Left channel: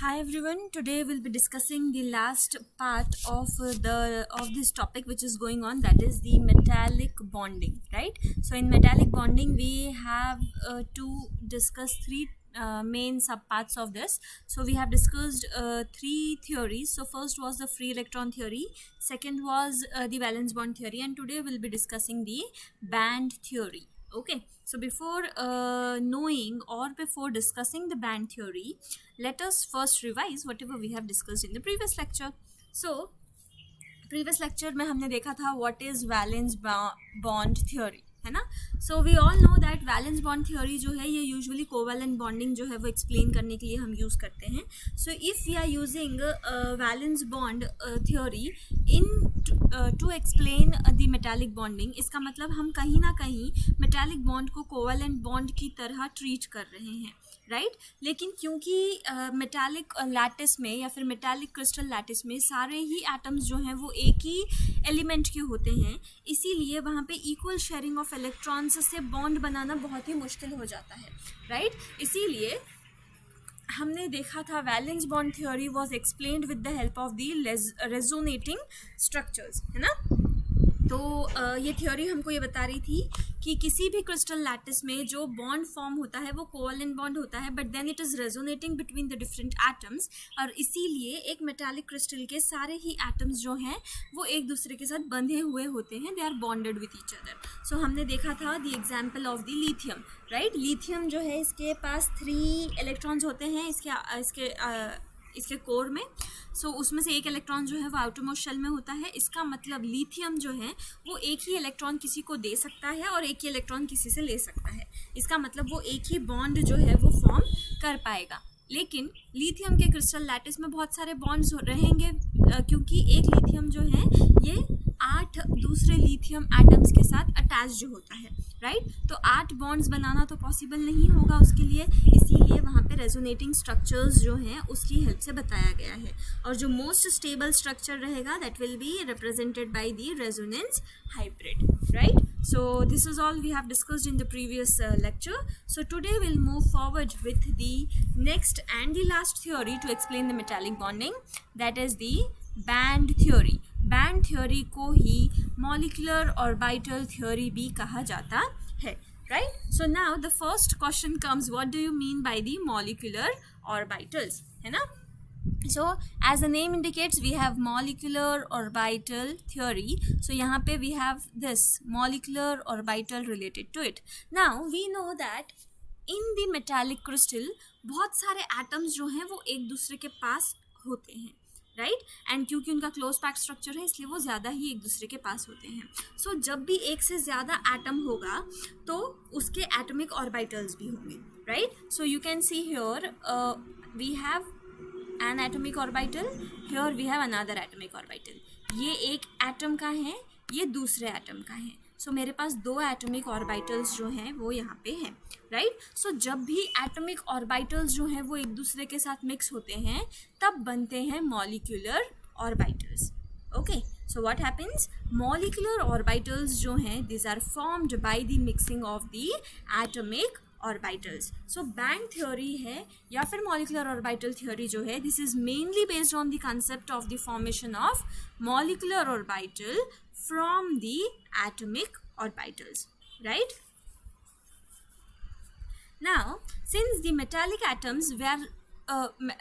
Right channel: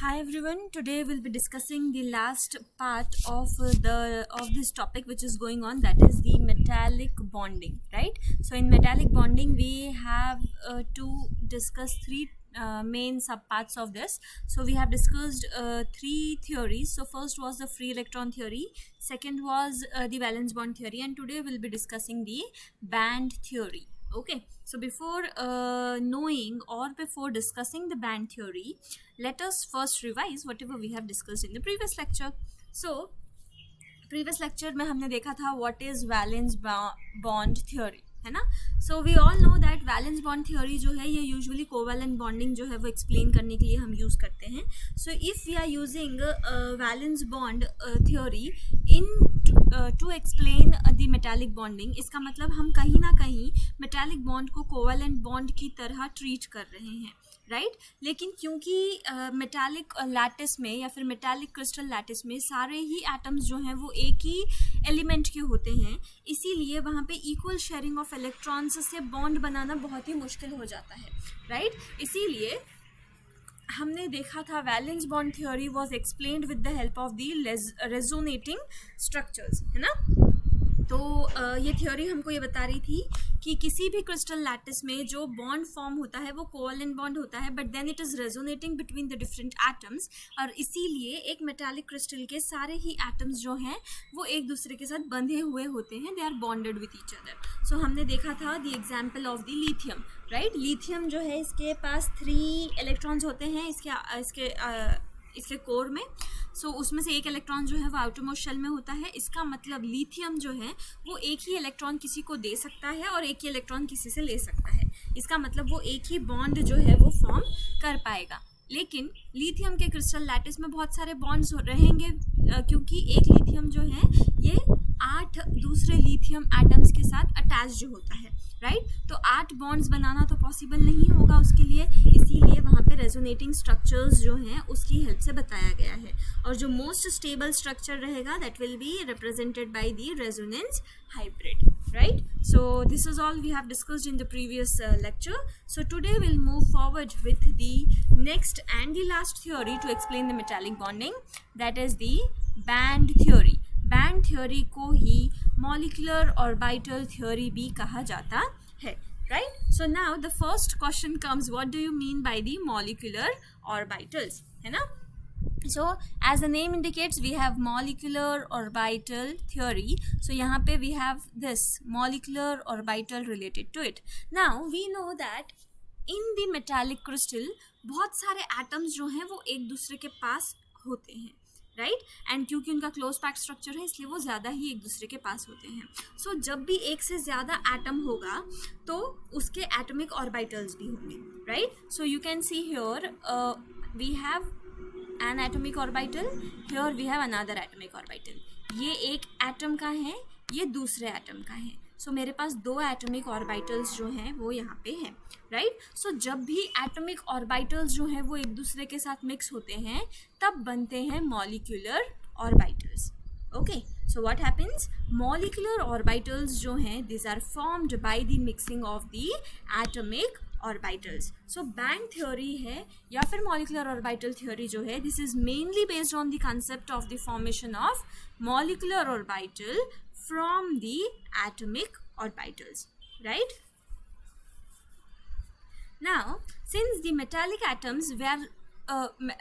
Hi everyone. Today we'll be discussing the last part of this topic which is going on, that is the metallic bonding, right? So in metallic bonding we have to discuss three main subparts of this. So we have discussed three theories. So first was the free electron theory, second was the valence bond theory, and today we'll be discussing the band theory. Okay, so before knowing or before discussing the band theory, let us first revise whatever we have discussed in the previous lecture. So previous lecture में हमने देखा था what is valence bond theory, है ना. So we all know that valence bond theory जो है ये usually covalent bonding जो है वो explain करने के लिए हम use करते हैं. So if we are using valence bond theory in to explain the metallic bonding, इसका मतलब हम कहीं ना कहीं metallic bond को covalent bond की तरह treat कर रहे हैं, राइट. लेकिन क्योंकि मेटालिक लैटिस में या फिर मेटालिक क्रिस्टल लैटिस में सारे ही एटम्स जो हैं वो एक ही एलिमेंट के होते हैं, इसीलिए वहाँ पे इक्वल शेयरिंग ऑफ इलेक्ट्रॉन्स से बॉन्ड बनाना बहुत ही मुश्किल हो जाता है, राइट. इसीलिए हमने देखा था valence bond theory was explained with the help of the resonating structures, है ना. तो ये थ्योरी हमको ये बता रही थी कि किसी भी क्रिस्टल लैटिस में जो बॉन्ड फॉर्म होता है वो कोवलेंट बॉन्ड होता है, but then it is resonating between the different atoms, और इसीलिए एक मेटालिक क्रिस्टल के सारे ही एटम्स जो हैं वो एक दूसरे के साथ बंधे हुए होते हैं, they are bonded with each other. So हमने देखा था the example of the lithium, right. Lithium जो है इसके पास 3 इलेक्ट्रॉन्स होते हैं इसके कोर में. सो उसमें से एक इलेक्ट्रॉन जो है वो आउटरमोस्ट शेल में होता है. इसका मतलब लिथियम जो है वो एक ही इलेक्ट्रॉन किसी को दे सकता है और एक ही इलेक्ट्रॉन किसी से ले सकता है. इसका मतलब वो एक ही बॉन्ड जो है वो फॉर्म कर पाएगा. लेकिन लिथियम के क्रिस्टल लैटिस में बहुत सारे बॉन्ड्स रहेंगे क्योंकि एक लिथियम जो है ये 8 दूसरे लिथियम एटम्स के साथ अटैच्ड होता है, राइट. तो 8 बॉन्ड्स बनाना तो पॉसिबल नहीं होगा उसके लिए, इसीलिए वहाँ पे रेजोनेटिंग स्ट्रक्चर्स जो हैं उसकी हेल्प से बताया गया है. और जो मोस्ट स्टेबल स्ट्रक्चर रहेगा that will be represented by the resonance hybrid, right? So this is all we have discussed in the previous lecture. So today we'll move forward with the next and the last theory to explain the metallic bonding, that is the band theory. Band theory को ही molecular orbital theory भी कहा जाता है, right? So now the first question comes, what do you mean by the molecular orbitals, है ना. So as the name indicates we have molecular orbital theory. So यहाँ पे we have this molecular orbital related to it. Now we know that in the metallic crystal बहुत सारे atoms जो हैं वो एक दूसरे के पास होते हैं, राइट. एंड क्योंकि उनका क्लोज पैक्ड स्ट्रक्चर है इसलिए वो ज़्यादा ही एक दूसरे के पास होते हैं. सो जब भी एक से ज़्यादा एटम होगा तो उसके एटॉमिक ऑर्बिटल्स भी होंगे, right. So you can see here we have an atomic orbital, here we have another atomic orbital. ये एक एटम का है, ये दूसरे एटम का है. सो मेरे पास 2 एटॉमिक ऑर्बिटल्स जो हैं वो यहाँ पे हैं, राइट. सो जब भी एटॉमिक ऑर्बिटल्स जो हैं वो एक दूसरे के साथ मिक्स होते हैं तब बनते हैं molecular orbitals. Okay, so what happens, molecular orbitals जो हैं this are formed by the mixing of the atomic orbitals. So band theory है या फिर मॉलिकुलर ऑर्बिटल थ्योरी जो है this is mainly based on the concept of the formation of molecular orbital from the atomic orbitals, right. Now since the metallic atoms where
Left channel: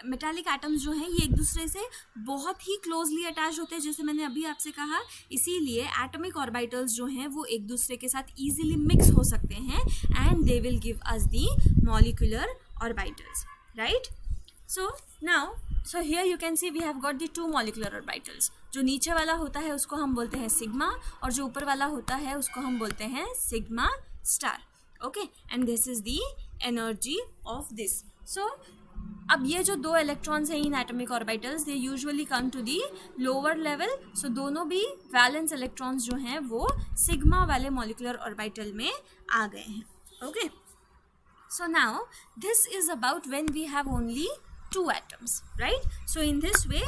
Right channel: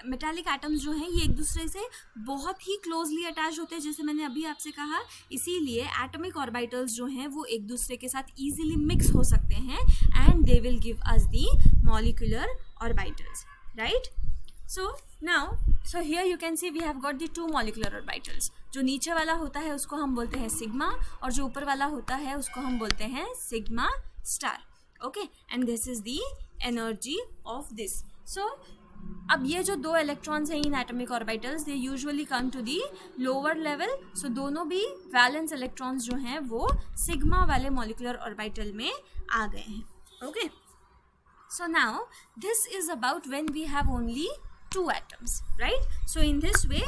metallic atoms जो हैं ये एक दूसरे से बहुत ही क्लोजली अटैच होते हैं, जैसे मैंने अभी आपसे कहा, इसीलिए एटॉमिक ऑर्बिटल्स जो हैं वो एक दूसरे के साथ इजीली मिक्स हो सकते हैं and they will give us the molecular orbitals, right. So here you can see we have got the 2 molecular orbitals. जो नीचे वाला होता है उसको हम बोलते हैं सिग्मा और जो ऊपर वाला होता है उसको हम बोलते हैं sigma star. Okay, and this is the energy of this. So अब ये जो 2 इलेक्ट्रॉन्स हैं in atomic orbitals they usually come to the lower level. So दोनों भी वैलेंस इलेक्ट्रॉन्स जो हैं वो सिग्मा वाले मॉलिक्यूलर ऑर्बिटल में आ गए हैं. Okay, so now this is about when we have only 2 atoms, right? So in this way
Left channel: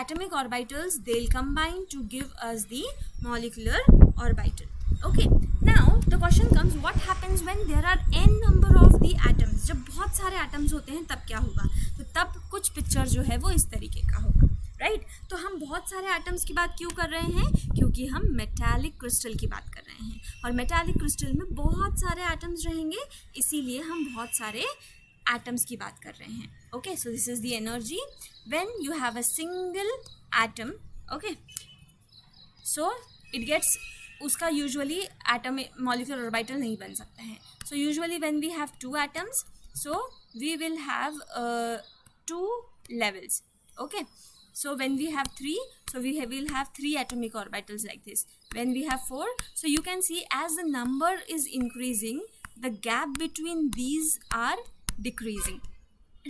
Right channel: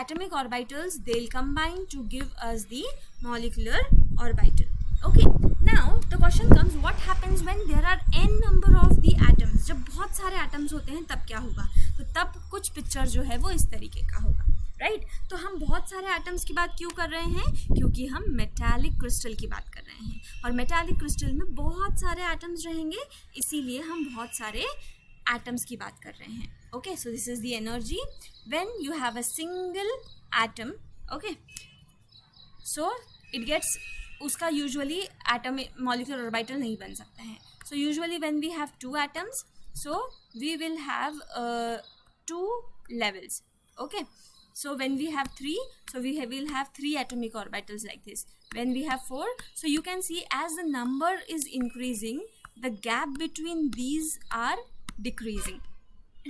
atomic orbitals they'll combine to give us the molecular orbital. Okay, now the question comes, what happens when there are n number of the atoms? जब बहुत सारे atoms होते हैं तब क्या होगा? तो तब कुछ पिक्चर जो है वो इस तरीके का होगा, राइट? तो हम बहुत सारे atoms की बात क्यों कर रहे हैं? क्योंकि हम मेटालिक क्रिस्टल की बात कर रहे हैं, और मेटालिक क्रिस्टल में बहुत सारे atoms रहेंगे, इसीलिए हम बहुत सारे atoms की बात कर रहे हैं. Okay, so this is the energy when you have a single atom. Okay, so it gets, उसका यूजुअली एटम मॉलिक्यूलर ऑर्बिटल नहीं बन सकता है. So usually when we have two atoms, so we will have two levels. Okay, so when we have 3, so we will have 3 atomic orbitals like this. When we have 4, so you can see as the number is increasing, the gap between these are decreasing,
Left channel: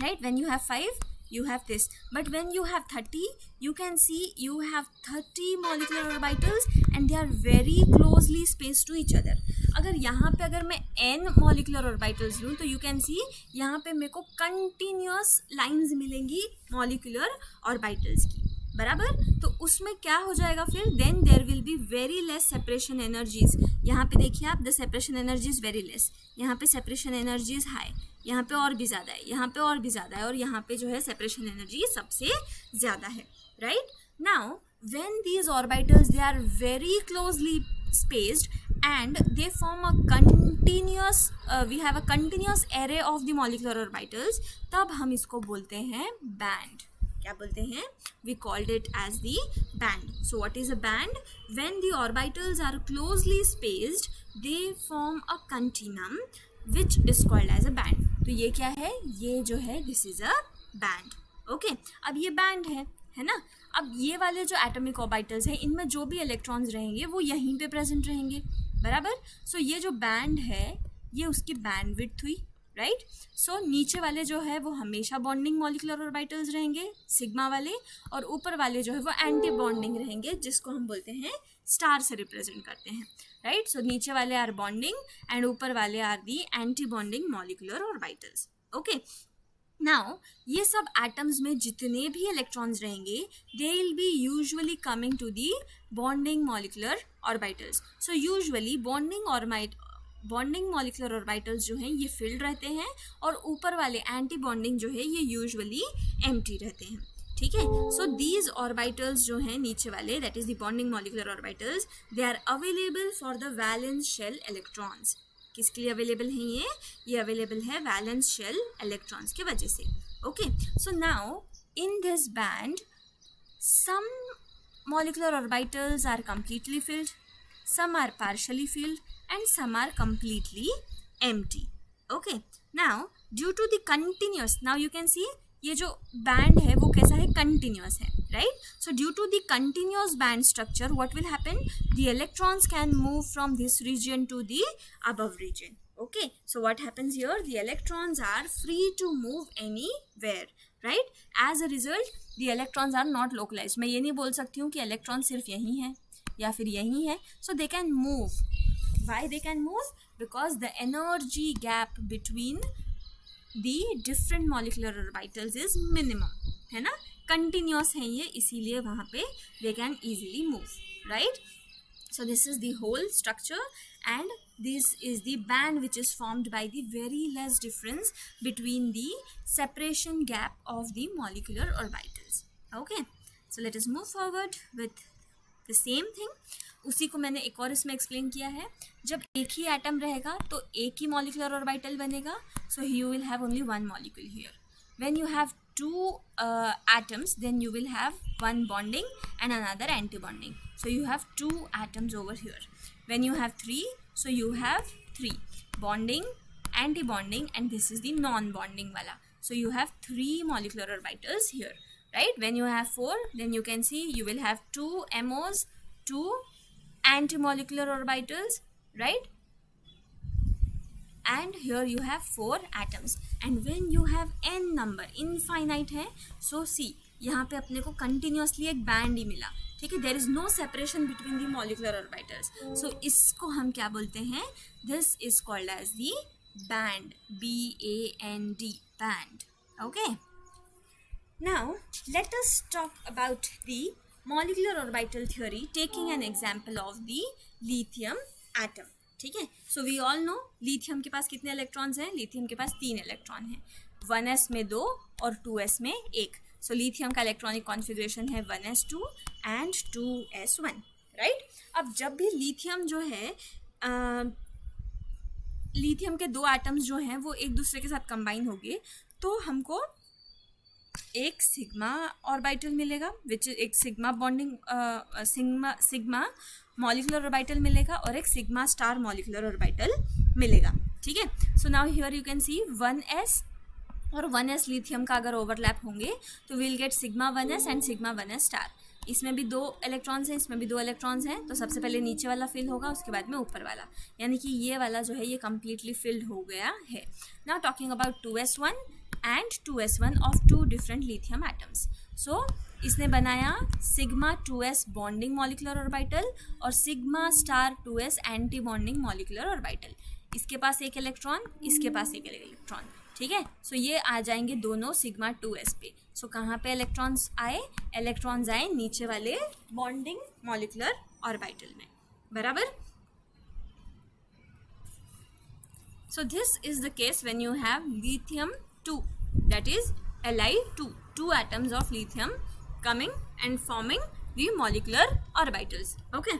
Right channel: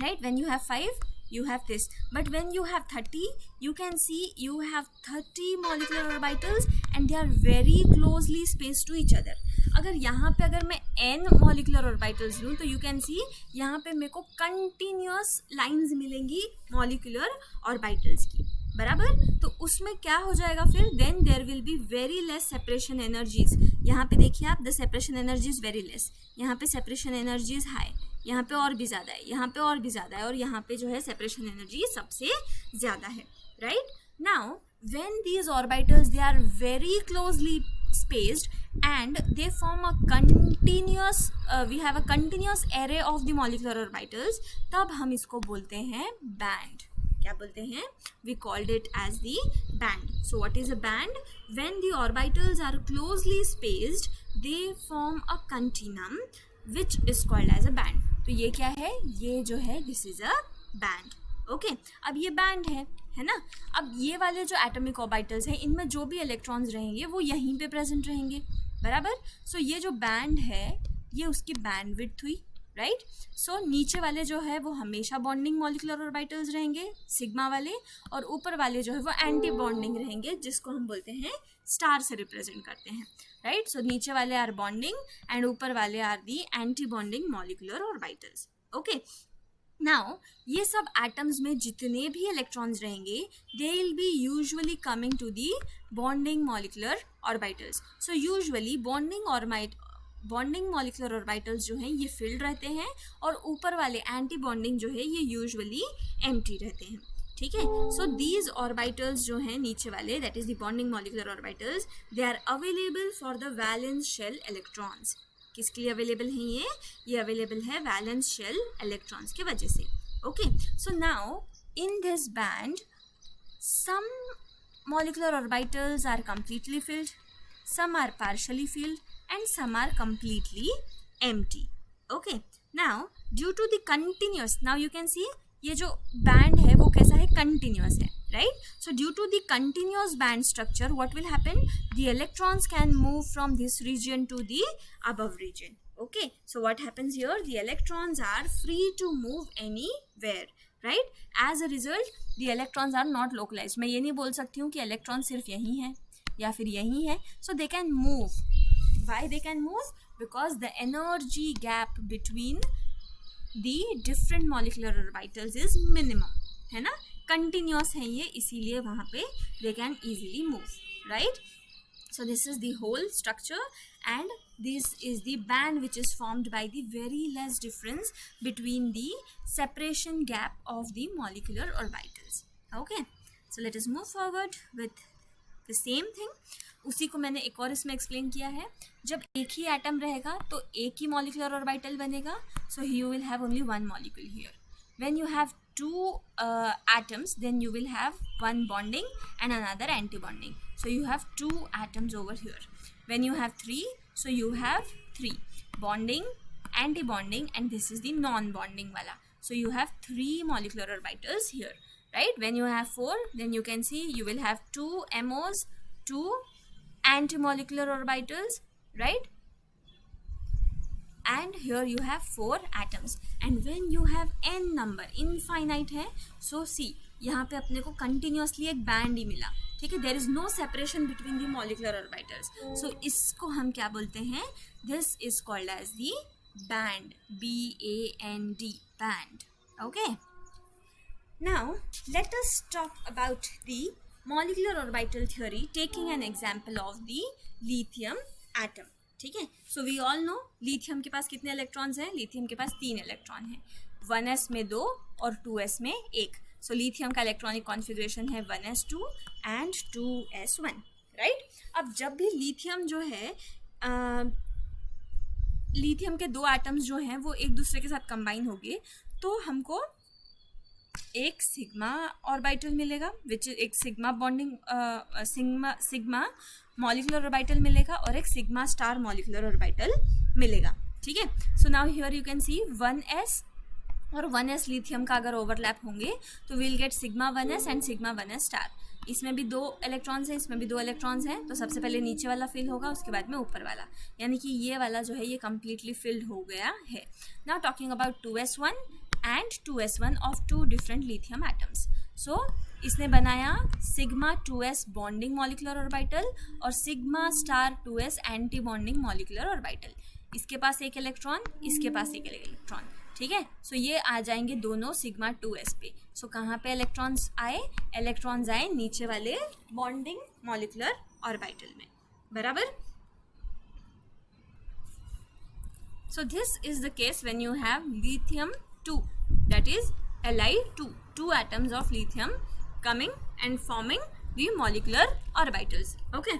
right? When you have 5, you have this, but when you have 30, you can see you have 30 molecular orbitals and they are very closely spaced to each other. अगर यहाँ पे अगर मैं n molecular orbitals लूँ, तो you can see यहाँ पे मेरे को continuous lines मिलेंगी molecular orbitals की, बराबर? तो उसमें क्या हो जाएगा फिर? Then there will be very less separation energies. यहाँ पे देखिए आप, the separation energy is very less. यहाँ पे सेपरेशन एनर्जी इज हाई, यहाँ पे और भी ज़्यादा है, यहाँ पे और भी ज़्यादा है, और यहाँ पे जो है सेपरेशन एनर्जी सबसे ज़्यादा है, right? Now when these orbitals they are very closely spaced and they form a continuous we have a continuous array of the molecular orbitals, तब हम इसको बोलते हैं band. क्या बोलते हैं? We called it as the band. So what is a band? When the orbitals are closely spaced, they form a continuum which is called as a band. तो ये क्या है? ये जो है this is a band. Okay, अब ये band है ना? अब ये वाले जो एटॉमिक ऑर्बिटल्स हैं, इनमें जो भी इलेक्ट्रॉन्स रहेंगे वो यहीं पे प्रेजेंट रहेंगे, बराबर? सो ये जो बैंड है ये उसकी बैंड विड्थ हुई, राइट? सो नीचे वाले जो है वो हमेशा बॉन्डिंग मॉलिक्यूलर ऑर्बिटल्स रहेंगे, सिग्मा वाले, और ऊपर वाले जो है वो एंटी बॉन्डिंग रहेंगे, जिसको हम बोलते हैं स्टार से रिप्रेजेंट करते हैं, राइट? सो नीचे वाले आर बॉन्डिंग एंड ऊपर वाले are the anti bonding molecular orbitals. Okay, now ये सब एटम्स में जितने भी इलेक्ट्रॉन्स रहेंगे, they will be usually coming to the bonding molecular orbitals. So usually bonding molecular orbitals जो हैं ये फिल्ड रहते हैं, और ऊपर वाले एंटी बॉन्डिंग जो है ये यूजुअली एम्प्टी रहते हैं, ठीक है? सो दीज ऑर्बिटल्स जो हैं नीचे वाले, that is the bonding molecular orbitals, they are available for the valence shell electrons. किसके लिए अवेलेबल हैं ये अवेलेबल है वैलेंस शेल इलेक्ट्रॉन्स की वजह से. Okay, so now in this band some molecular orbitals are completely filled, some are partially filled, and some are completely empty. Okay, now due to the continuous, now you can see ये जो band है वो कैसा है? Continuous है, right? So due to the continuous band structure what will happen? The electrons can move from this region to the above region. Okay, so what happens here? The electrons are free to move anywhere, right? As a result, the electrons are not localized. मैं ये नहीं बोल सकती हूँ कि electron सिर्फ यहीं है या फिर यहीं है. So they can move. Why they can move? Because the energy gap between the different molecular orbitals is minimum, है ना? Continuous है ये, इसीलिए वहाँ पे they can easily move, right? So this is the whole structure, and this is the band which is formed by the very less difference between the separation gap of the molecular orbitals. Okay, so let us move forward with the same thing. उसी को मैंने एक और इसमें explain किया है. जब एक ही एटम रहेगा तो एक ही मॉलिक्यूलर ऑर्बिटल बनेगा, so you will have only one molecule here. When you have two atoms, then you will have one bonding and another anti-bonding. So you have two atoms over here. When you have three, so you have three bonding, anti-bonding, and this is the non-bonding wala. So you have three molecular orbitals here, right? When you have four, then you can see you will have two MOs, two anti-molecular orbitals, right? And here you have four atoms. And when you have n number, infinite है, so see यहाँ पे अपने को continuously एक band ही मिला, ठीक है? There is no separation between the molecular orbitals. So इसको हम क्या बोलते हैं? This is called as the band, B-A-N-D, band. Okay. Now let us talk about the molecular orbital theory, taking an example of the lithium atom, ठीक है। So we all know lithium के पास कितने इलेक्ट्रॉन्स हैं, lithium के पास 3 electron हैं, 1s में 2 और 2s में 1। सो लिथियम का इलेक्ट्रॉनिक कॉन्फ़िगरेशन है 1s2 एंड 2s1, राइट। अब जब भी लिथियम जो है लिथियम के 2 एटम्स जो हैं वो एक दूसरे के साथ कंबाइन होंगे तो हमको एक सिग्मा ऑर्बिटल मिलेगा, विच एक sigma bonding sigma molecular orbital मिलेगा और एक सिग्मा स्टार मॉलिक्यूलर ऑर्बिटल मिलेगा, ठीक है। सो now here you can C 1s और 1s लिथियम का अगर ओवरलैप होंगे तो will get sigma 1s and sigma 1s star. इसमें भी 2 इलेक्ट्रॉन्स हैं, इसमें भी 2 इलेक्ट्रॉन्स हैं, तो सबसे पहले नीचे वाला फिल होगा, उसके बाद में ऊपर वाला, यानी कि ये वाला जो है ये कम्प्लीटली फिल्ड हो गया है। Now talking about 2s1 and 2s1 of 2 different lithium atoms. So इसने बनाया sigma 2s bonding molecular orbital और sigma star 2s anti bonding molecular orbital. इसके पास एक इलेक्ट्रॉन, इसके पास एक इलेक्ट्रॉन, ठीक है। सो ये आ जाएंगे दोनों सिग्मा 2s पे। सो कहाँ पे इलेक्ट्रॉन्स आए, इलेक्ट्रॉन्स आए नीचे वाले बॉन्डिंग मॉलिक्यूलर ऑर्बिटल में, बराबर। So this is the case when you have lithium 2, that is Li2, 2 atoms of lithium coming and forming the molecular orbitals. Okay,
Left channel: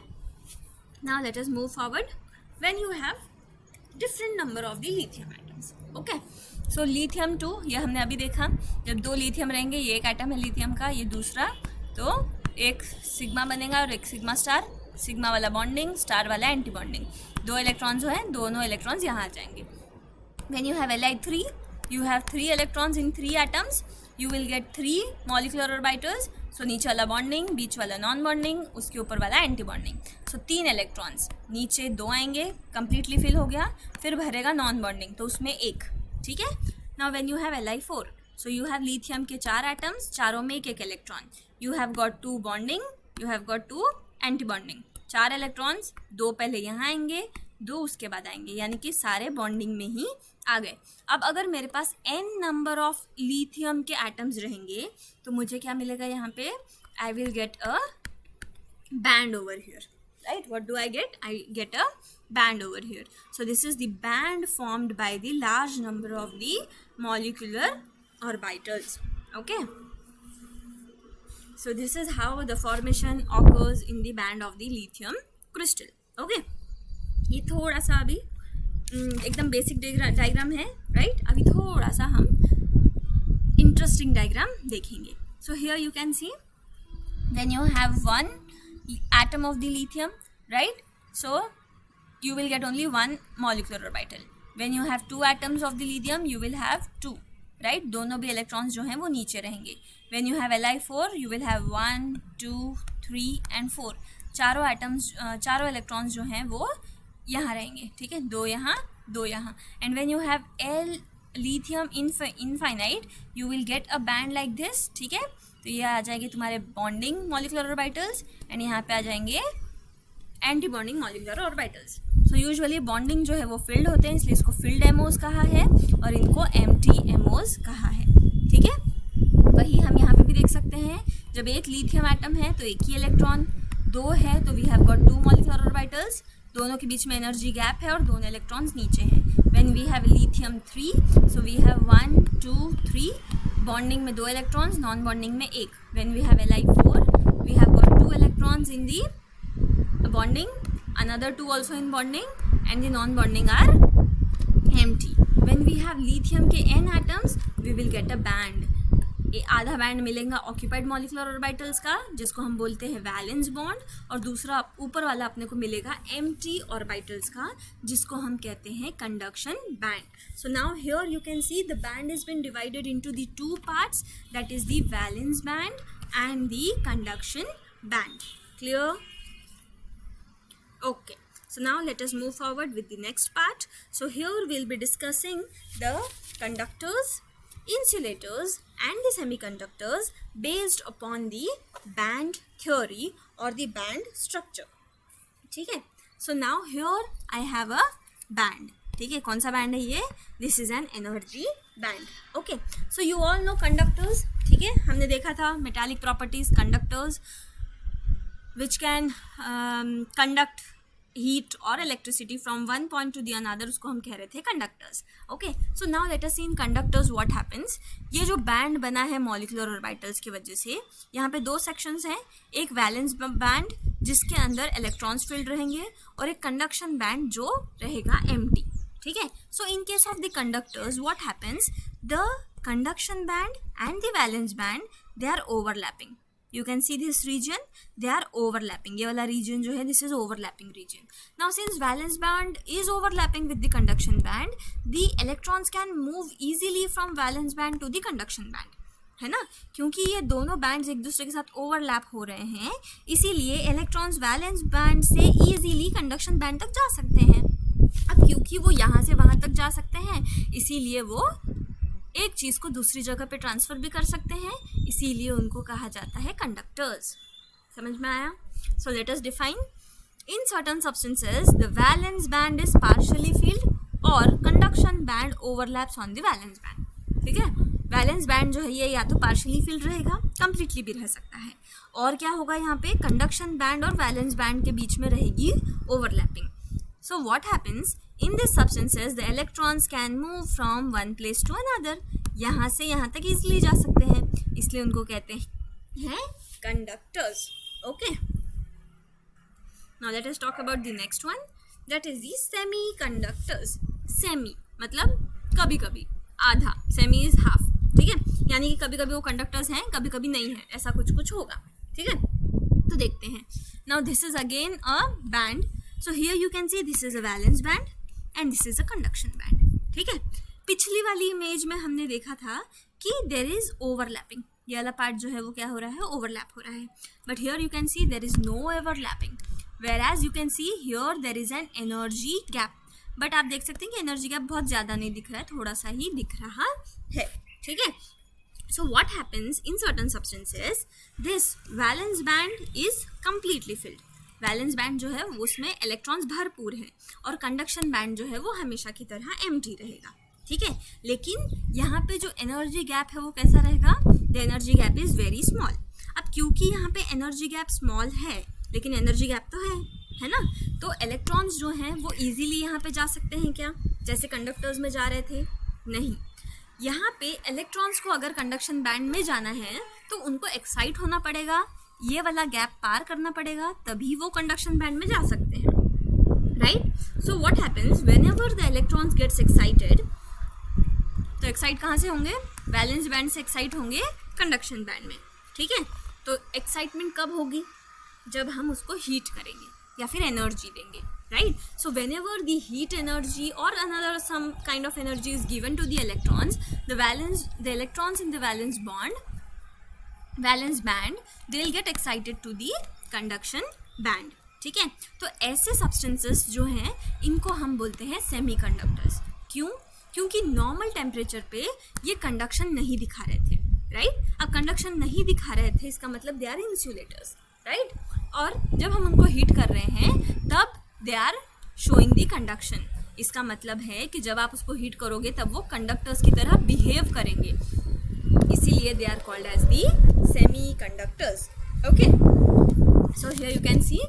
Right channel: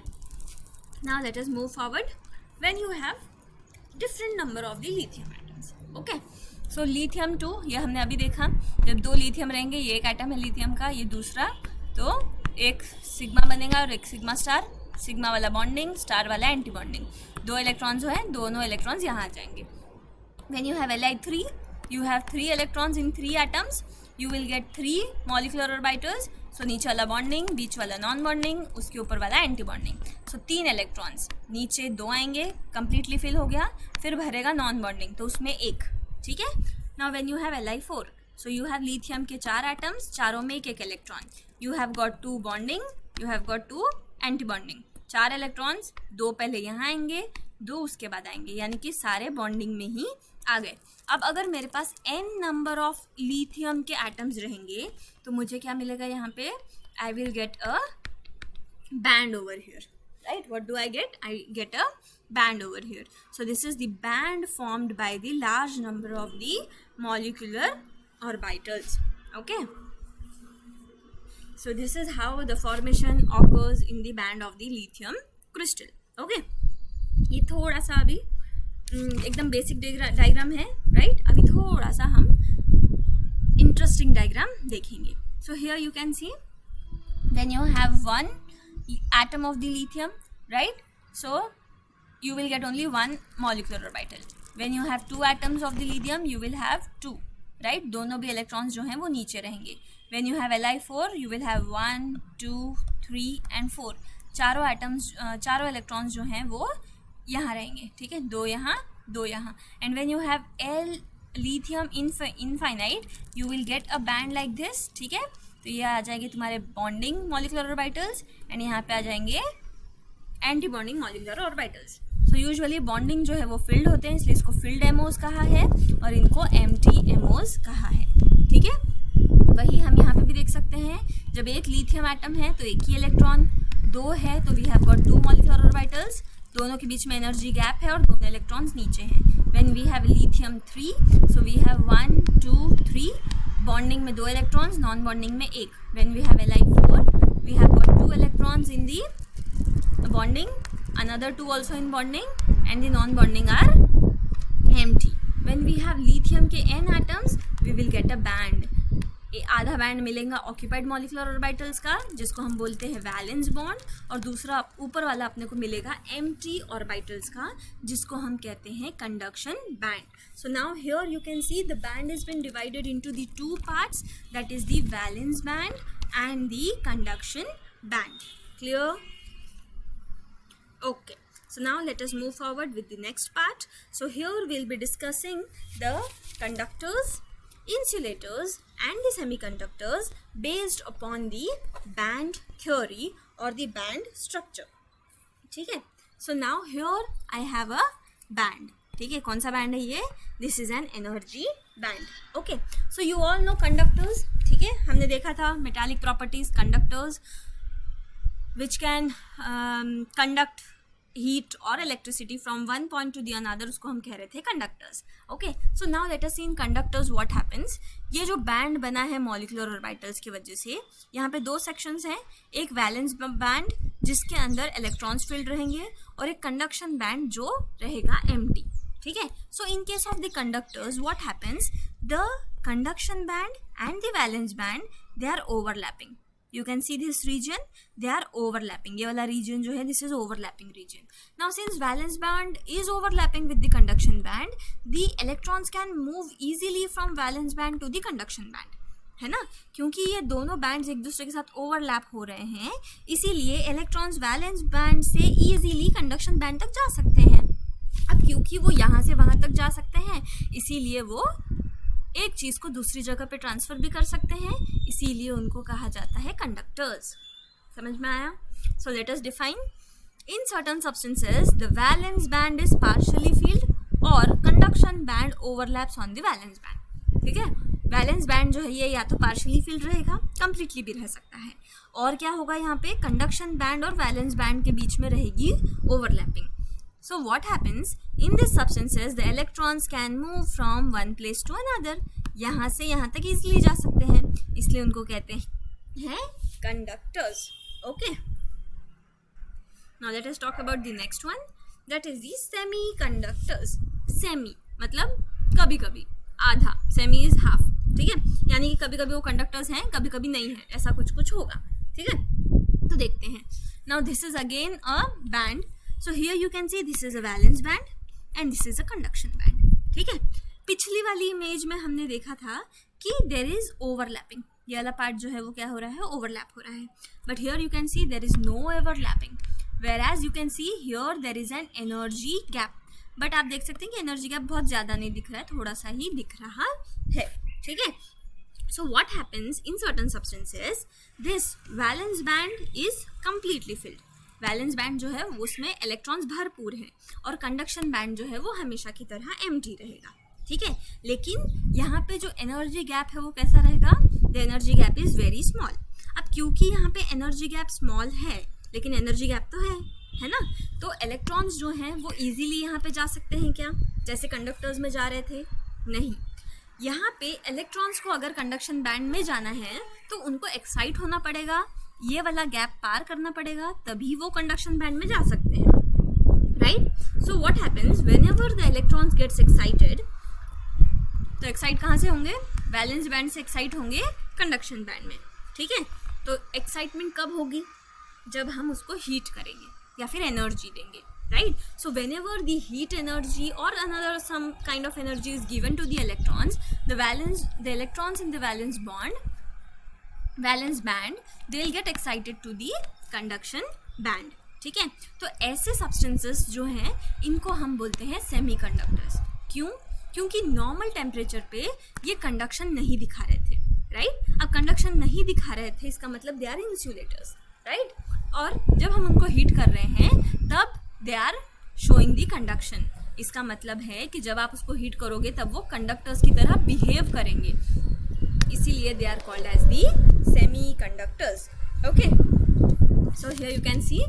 now let us move forward. When you have different number of the lithium atoms, okay, so lithium 2 ये हमने अभी देखा, जब 2 lithium रहेंगे, ये एक atom है lithium का, ये दूसरा, तो एक सिग्मा बनेगा और एक सिग्मा स्टार, सिग्मा वाला बॉन्डिंग, स्टार वाला एंटी बॉन्डिंग। 2 इलेक्ट्रॉन्स जो हैं, दोनों इलेक्ट्रॉन्स यहाँ आ जाएंगे। When you have Li3, you have 3 electrons in 3 atoms, you will get 3 molecular orbitals. So नीचे वाला बॉन्डिंग, बीच वाला नॉन बॉन्डिंग, उसके ऊपर वाला एंटी बॉन्डिंग। सो 3 इलेक्ट्रॉन्स, नीचे 2 आएंगे, कंप्लीटली फिल हो गया, फिर भरेगा नॉन बॉन्डिंग, तो उसमें 1, ठीक है। Now when you have Li4, so you have lithium के 4 एटम्स, चारों में एक electron, you have got 2 bonding, you have got 2 anti bonding, 4 electrons, 2 पहले यहाँ आएंगे, 2 उसके बाद आएंगे, यानी कि सारे बॉन्डिंग में ही आ गए। अब अगर मेरे पास n नंबर ऑफ लिथियम के एटम्स रहेंगे तो मुझे क्या मिलेगा यहाँ पे, I will get a band over here, right. What do I get, I get a band over here. So this is the band formed by the large number of the molecular orbitals, okay. So this is how the formation occurs in the band of the lithium crystal, okay। ये थोड़ा सा अभी एकदम basic diagram है, right. अभी थोड़ा सा हम इंटरेस्टिंग डायग्राम देखेंगे। सो here you can see when you have 1 atom of the lithium, right, so you will get only 1 molecular orbital. When you have 2 atoms of the lithium, you will have 2, right, दोनों भी electrons जो हैं वो नीचे रहेंगे। When you have Li4, you will have 1, 2, 3 and 4, चारों atoms, चारों electrons जो हैं वो यहाँ रहेंगे, ठीक है, 2 यहाँ, 2 यहाँ। And when you have L lithium infinite, you will get a band like this, ठीक है। तो ये आ जाएंगे तुम्हारे बॉन्डिंग मॉलिक्यूलर ऑर्बिटल्स एंड यहाँ पे आ जाएंगे anti bonding molecular orbitals. So usually bonding जो है वो फिल्ड होते हैं, इसलिए इसको फिल्ड एमोज कहा है और इनको एम्प्टी एमोज कहा है, ठीक है। वही हम यहाँ पे भी देख सकते हैं, जब एक लिथियम एटम है तो एक ही इलेक्ट्रॉन, 2 है तो we have got 2 molecular orbitals, दोनों के बीच में एनर्जी गैप है और दोनों इलेक्ट्रॉन्स नीचे हैं। When we have lithium 3, so we have 1, 2, 3, bonding में 2 इलेक्ट्रॉन्स, नॉन बॉन्डिंग में 1। When we have Li4, we have got 2 electrons in the bonding, another 2 also in bonding, and the non-bonding are empty. When we have lithium के n atoms, we will get a band. आधा band मिलेगा occupied molecular orbitals का, जिसको हम बोलते हैं valence bond, और दूसरा ऊपर वाला अपने को मिलेगा एम्प्टी ऑर्बिटल्स का, जिसको हम कहते हैं conduction band. So now here you can see the band is been divided into the 2 parts, that is the valence band and the conduction band. Clear? Okay, so now let us move forward with the next part. So here we'll be discussing the conductors, insulators and the semiconductors based upon the band theory or the band structure. ठीक है? So now here I have a band. ठीक है, कौन सा band है ये? This is an energy band. Okay, so you all know conductors. ठीक है, हमने देखा था metallic properties conductors which can conduct heat और electricity from one point to the another, उसको हम कह रहे थे conductors. Okay, so now let us see in conductors what happens. ये जो बैंड बना है मॉलिक्यूलर ऑर्बिटल्स की वजह से, यहाँ पे दो सेक्शंस हैं. एक वैलेंस बैंड जिसके अंदर इलेक्ट्रॉन्स फील्ड रहेंगे और एक कंडक्शन बैंड जो रहेगा एम्प्टी. ठीक है, so in case of the conductors what happens, the conduction band and the valence band they are overlapping. You can see this region, they are overlapping. ये वाला region जो है, this is overlapping region. Now since valence band is overlapping with the conduction band, the electrons can move easily from valence band to the conduction band. है ना, क्योंकि ये दोनों bands एक दूसरे के साथ ओवरलैप हो रहे हैं, इसीलिए इलेक्ट्रॉन्स वैलेंस बैंड से इजीली कंडक्शन बैंड तक जा सकते हैं. अब क्योंकि वो यहाँ से वहाँ तक जा सकते हैं, इसीलिए वो एक चीज़ को दूसरी जगह पे ट्रांसफ़र भी कर सकते हैं, इसीलिए उनको कहा जाता है कंडक्टर्स. समझ में आया? So let us define. In certain substances the valence band is partially filled और conduction band overlaps on the valence band. ठीक है, वैलेंस बैंड जो है ये या तो पार्शियली फील्ड रहेगा, कंप्लीटली भी रह सकता है, और क्या होगा यहाँ पे कंडक्शन बैंड और वैलेंस बैंड के बीच में रहेगी overlapping. So what happens in these substances, the electrons can move from one place to another. यहाँ से यहाँ तक easily जा सकते हैं, इसलिए उनको कहते हैं conductors. Okay. Now let us talk about the next one. That is the semiconductors. Semi मतलब कभी कभी, आधा. Semi is half. ठीक है, यानी कि कभी कभी वो कंडक्टर्स हैं, कभी कभी नहीं है, ऐसा कुछ कुछ होगा. ठीक है, तो देखते हैं. Now this is again a band. So here you can see this is a valence band and this is a conduction band. ठीक है, पिछली वाली इमेज में हमने देखा था कि there is overlapping. ये वाला पार्ट जो है वो क्या हो रहा है, ओवरलैप हो रहा है. But here you can see there is no overlapping. Whereas you can see here there is an energy gap. But आप देख सकते हैं कि एनर्जी गैप बहुत ज़्यादा नहीं दिख रहा है, थोड़ा सा ही दिख रहा है. ठीक है, so what happens in certain substances, this valence band is completely filled. Valence band जो है उसमें इलेक्ट्रॉन्स भरपूर हैं और कंडक्शन बैंड जो है वो हमेशा की तरह एम्प्टी रहेगा. ठीक है, लेकिन यहाँ पे जो एनर्जी गैप है वो कैसा रहेगा, the energy gap is very small. अब क्योंकि यहाँ पे एनर्जी गैप स्मॉल है लेकिन एनर्जी गैप तो है ना, तो इलेक्ट्रॉन्स जो हैं वो इजीली यहाँ पे जा सकते हैं क्या, जैसे कंडक्टर्स में जा रहे थे? नहीं. यहाँ पे इलेक्ट्रॉन्स को अगर कंडक्शन बैंड में जाना है तो उनको एक्साइट होना पड़ेगा, ये वाला गैप पार करना पड़ेगा, तभी वो कंडक्शन बैंड में जा सकते हैं. Right, so what happens whenever the electrons gets excited, तो एक्साइट कहाँ से होंगे, वैलेंस बैंड से एक्साइट होंगे कंडक्शन बैंड में. ठीक है, तो एक्साइटमेंट कब होगी, जब हम उसको हीट करेंगे या फिर एनर्जी देंगे. Right, so whenever the heat energy or another some kind of energy is given to the electrons, the electrons in the valence band they'll get excited to the conduction band. ठीक है, तो ऐसे substances जो हैं इनको हम बोलते हैं सेमीकंडक्टर्स. क्यों? क्योंकि नॉर्मल टेम्परेचर पे ये कंडक्शन नहीं दिखा रहे थे. राइट, अब कंडक्शन नहीं दिखा रहे थे इसका मतलब दे आर इंसुलेटर्स. राइट, और जब हम उनको हीट कर रहे हैं तब they are showing the conduction. इसका मतलब है कि जब आप उसको हीट करोगे तब वो कंडक्टर्स की तरह बिहेव करेंगे, इसीलिए they are called as the semi conductors. Okay, so here you can see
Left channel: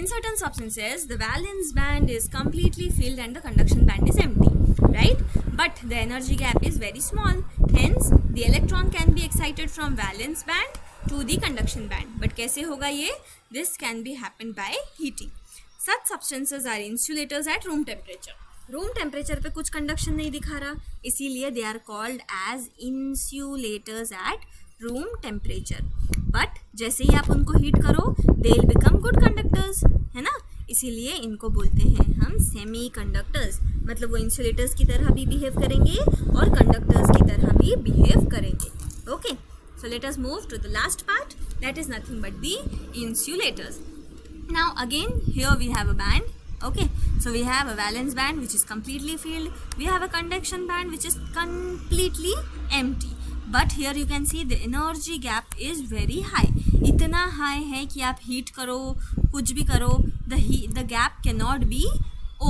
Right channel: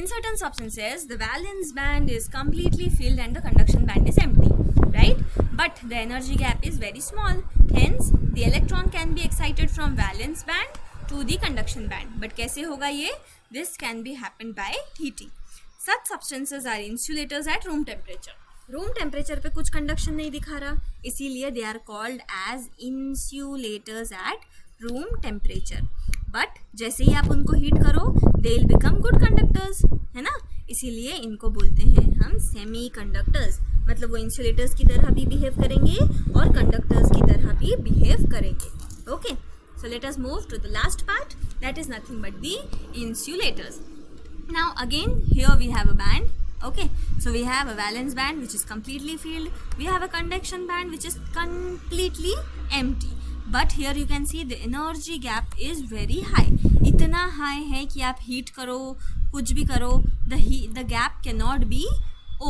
in certain substances the valence band is completely filled and the conduction band is empty, right? But the energy gap is very small, hence the electron can be excited from valence band to the conduction band. But कैसे होगा ये? This can be happened by heating. Such substances are insulators at room temperature. Room temperature पे कुछ conduction नहीं दिखा रहा, इसीलिए they are called as insulators at room temperature. But जैसे ही आप उनको हीट करो they will become good conductors, है ना, इसीलिए इनको बोलते हैं हम सेमी कंडक्टर्स. मतलब वो इंसुलेटर्स की तरह भी बिहेव करेंगे और कंडक्टर्स की तरह भी बिहेव करेंगे. Okay, so let us move to the last part, that is nothing but the insulators. Now again here we have a band. Okay, so we have a valence band which is completely filled, we have a conduction band which is completely empty, but here you can see the energy gap is very high. इतना high है कि आप heat करो कुछ भी करो the gap cannot be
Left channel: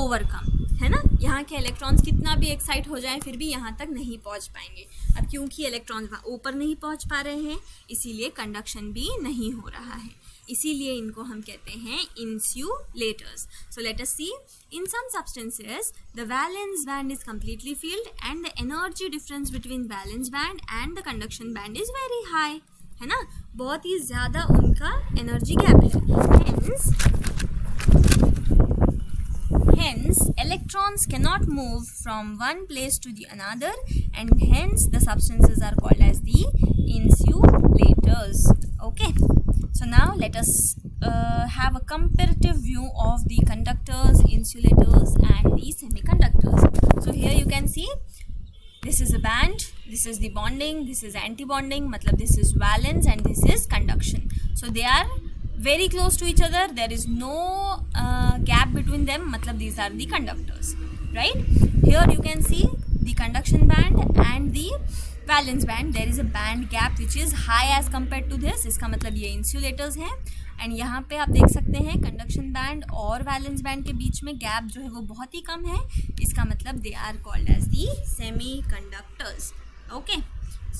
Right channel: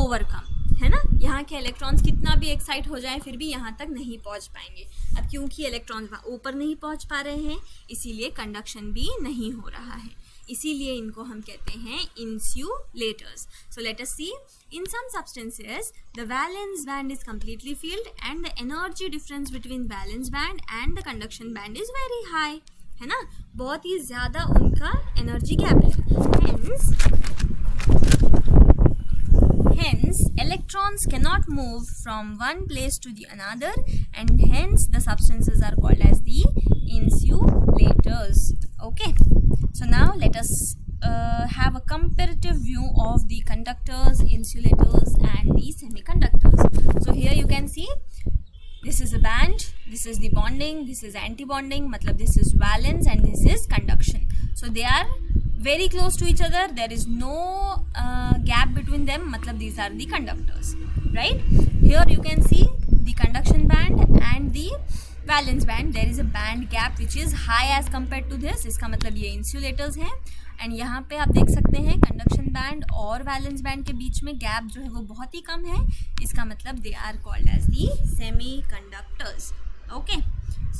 overcome, है ना, यहाँ के इलेक्ट्रॉन्स कितना भी एक्साइट हो जाएं फिर भी यहाँ तक नहीं पहुँच पाएंगे। अब क्योंकि इलेक्ट्रॉन्स ऊपर नहीं पहुँच पा रहे हैं इसीलिए कंडक्शन भी नहीं हो रहा है, इसीलिए इनको हम कहते हैं insulators. So let us see, in some substances the valence band is completely filled and the energy difference between valence band and the conduction band is very high, है ना, बहुत ही ज़्यादा उनका एनर्जी गैप है। Hence, electrons cannot move from one place to the another, and hence the substances are called as the insulators. Okay, so now let us have a comparative view of the conductors, insulators, and the semiconductors. So here you can see this is a band, this is the bonding, this is anti-bonding, matlab this is valence and this is conduction. So they are very close to each other, there is no gap between them, matlab these are the conductors, right? Here you can see the conduction band and the valence band, there is a band gap which is high as compared to this, इसका मतलब ये insulators हैं। And यहाँ पे आप देख सकते हैं कंडक्शन बैंड और वैलेंस बैंड के बीच में गैप जो है वो बहुत ही कम है, इसका मतलब they are called as the semi conductors. Okay,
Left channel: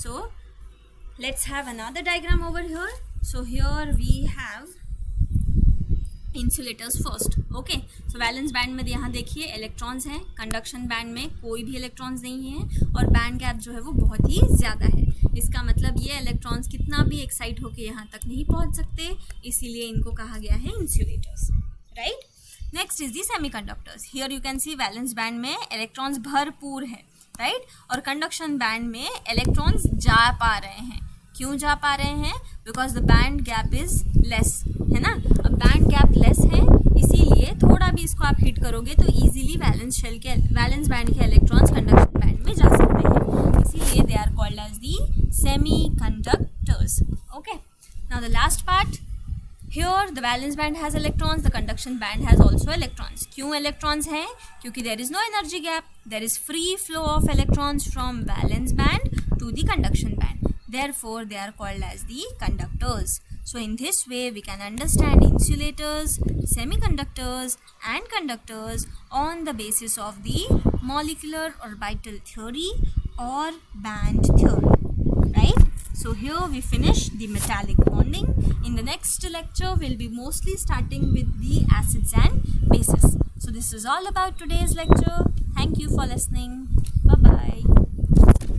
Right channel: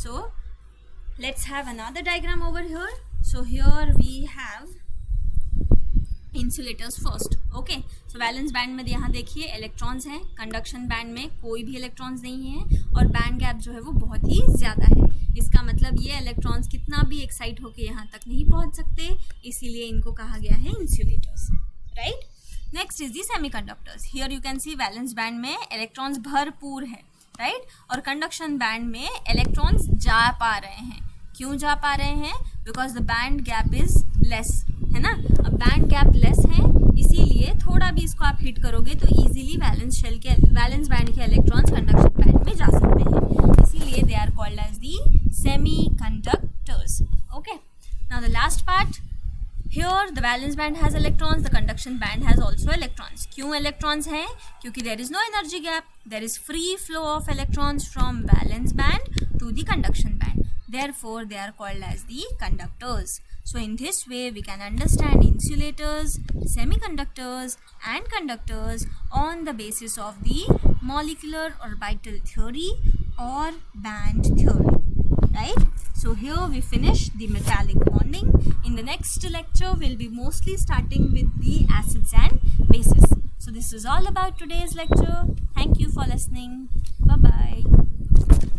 so let's have another diagram over here. So here we have insulators first. Okay, so valence band में यहाँ देखिए इलेक्ट्रॉन्स हैं, कंडक्शन बैंड में कोई भी इलेक्ट्रॉन्स नहीं है और बैंड गैप जो है वो बहुत ही ज़्यादा है, इसका मतलब ये इलेक्ट्रॉन्स कितना भी एक्साइट होकर यहाँ तक नहीं पहुँच सकते, इसीलिए इनको कहा गया है insulators, right. Next is the semiconductors. Here you can C valence band में इलेक्ट्रॉन्स भरपूर है, राइट, और कंडक्शन बैंड में इलेक्ट्रॉन्स जा पा रहे हैं। क्यों जा पा रहे हैं? Because the band gap is less, है ना। अब बैंड गैप लेस है इसीलिए थोड़ा भी इसको आप हिट करोगे तो इजीली वैलेंस बैंड के इलेक्ट्रॉन्स कंडक्शन बैंड में जा सकते हैं, इसीलिए they are called as the semi conductors. Okay, now the last part, here the valence band has electrons, the conduction band has also electrons. क्यों electrons हैं? क्योंकि there is no energy gap, there is free flow of electrons from valence band to the conduction band, therefore they are called as the conductors. So in this way we can understand insulators, semiconductors and conductors on the basis of the molecular orbital theory or band theory, right? So here we finish the metallic bonding. In the next lecture we'll be mostly starting with the acids and bases. So this is all about today's lecture. Thank you for listening. Bye bye.